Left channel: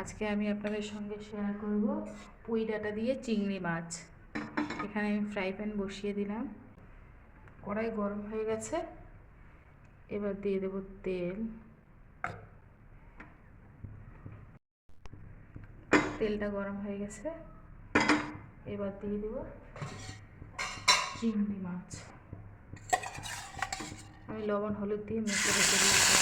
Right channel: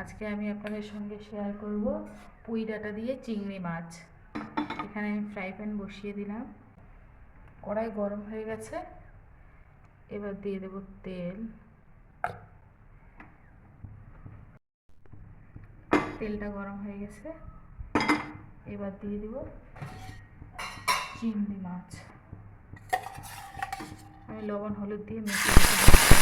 আজকে আমি আপনাদের সঙ্গে শেয়ার করব পুঁই ডাঁটা দিয়ে চিংড়ি মাছ। এখানে আমি ফ্রাই প্যান বসিয়ে দিলাম, কড়াই গরম হয়ে গেছে। এবার দিয়ে দেব তেল। তেলটা গরম হয়ে গেছে, এবার দিয়ে দেব চিংড়ি মাছ। আমি লবণ হলুদ দিয়ে মেখে রেখে দিচ্ছি।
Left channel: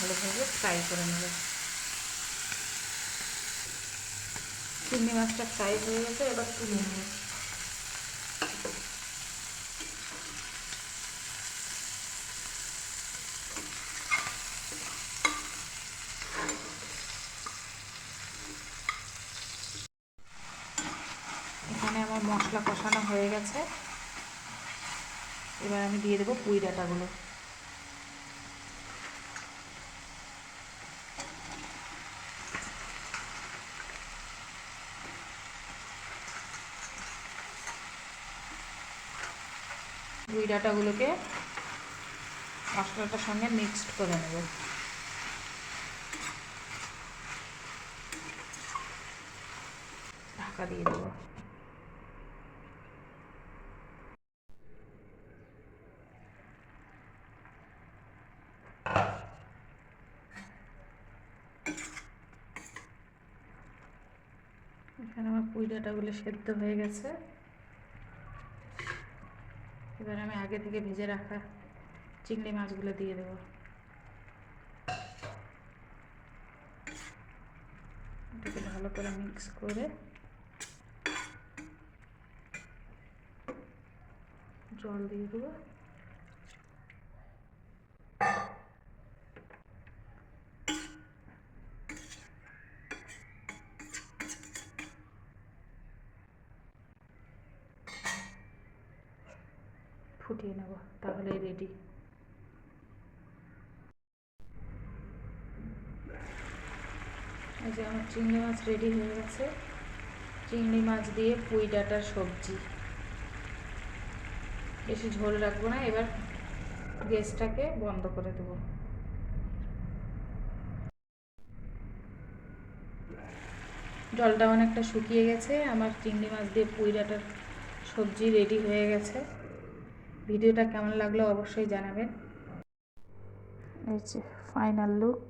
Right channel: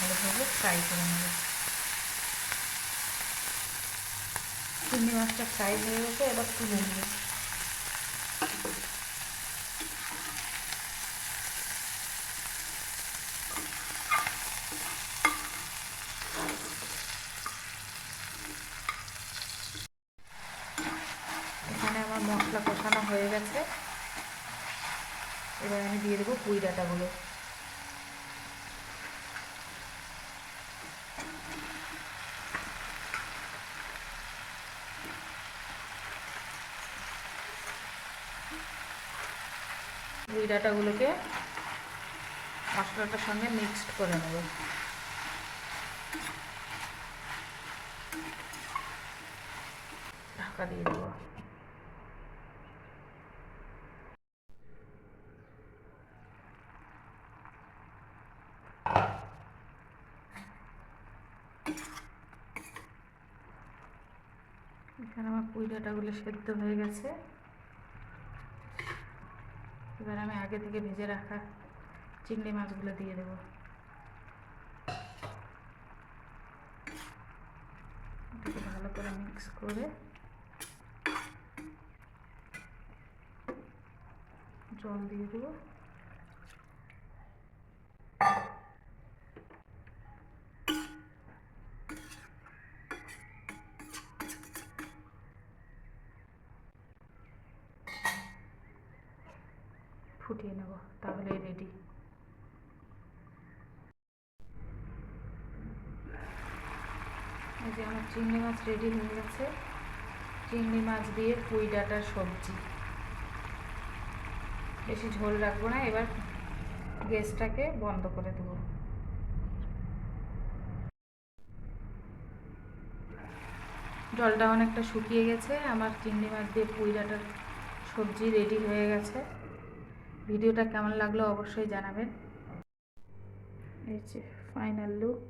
ভালোভাবে ফ্রাই করে নেব। চিংড়ি মাছটা ফ্রাই হয়ে গেছে, এবার তুলে নেব। এখানে আমার মশলা কষানো হয়ে গেছে, এবার আমি দিয়ে দেবো পুঁই ডাঁটাগুলো। পুঁই ডাঁটাগুলোকে মশলাটার সঙ্গে মিক্সড করে নেব। ঢাকা দিয়ে দেবো। এখানে আমার পুঁই ডাঁটাগুলো সেদ্ধ হয়ে গেছে। এবার আমি আগে থেকে ভেজে রাখা চিংড়ি মাছগুলো দিয়ে দেবো। এটাকে ভালো করে মিক্স করে জল দিয়ে দেবো। ফুটিয়ে নেব, তাহলেই রেডি। এই যে আমার চিংড়ি মাছ রেডি হয়ে গেছে। চিংড়ি মাছ দিয়ে পুঁই ডাঁটার সবজি। বেশি ঝোল রাখবো না, এবার গ্যাসটাকে বন্ধ করে দেবো। জলটা অনেকটা শুকিয়ে গেছে, আমার চিংড়ি মাছ দিয়ে পুঁই ডাঁটার সবজি রেডি হয়ে গেছে। ভিডিওটা কেমন লাগলো অবশ্যই জানাবেন। এই যে ফাইনাল লুক।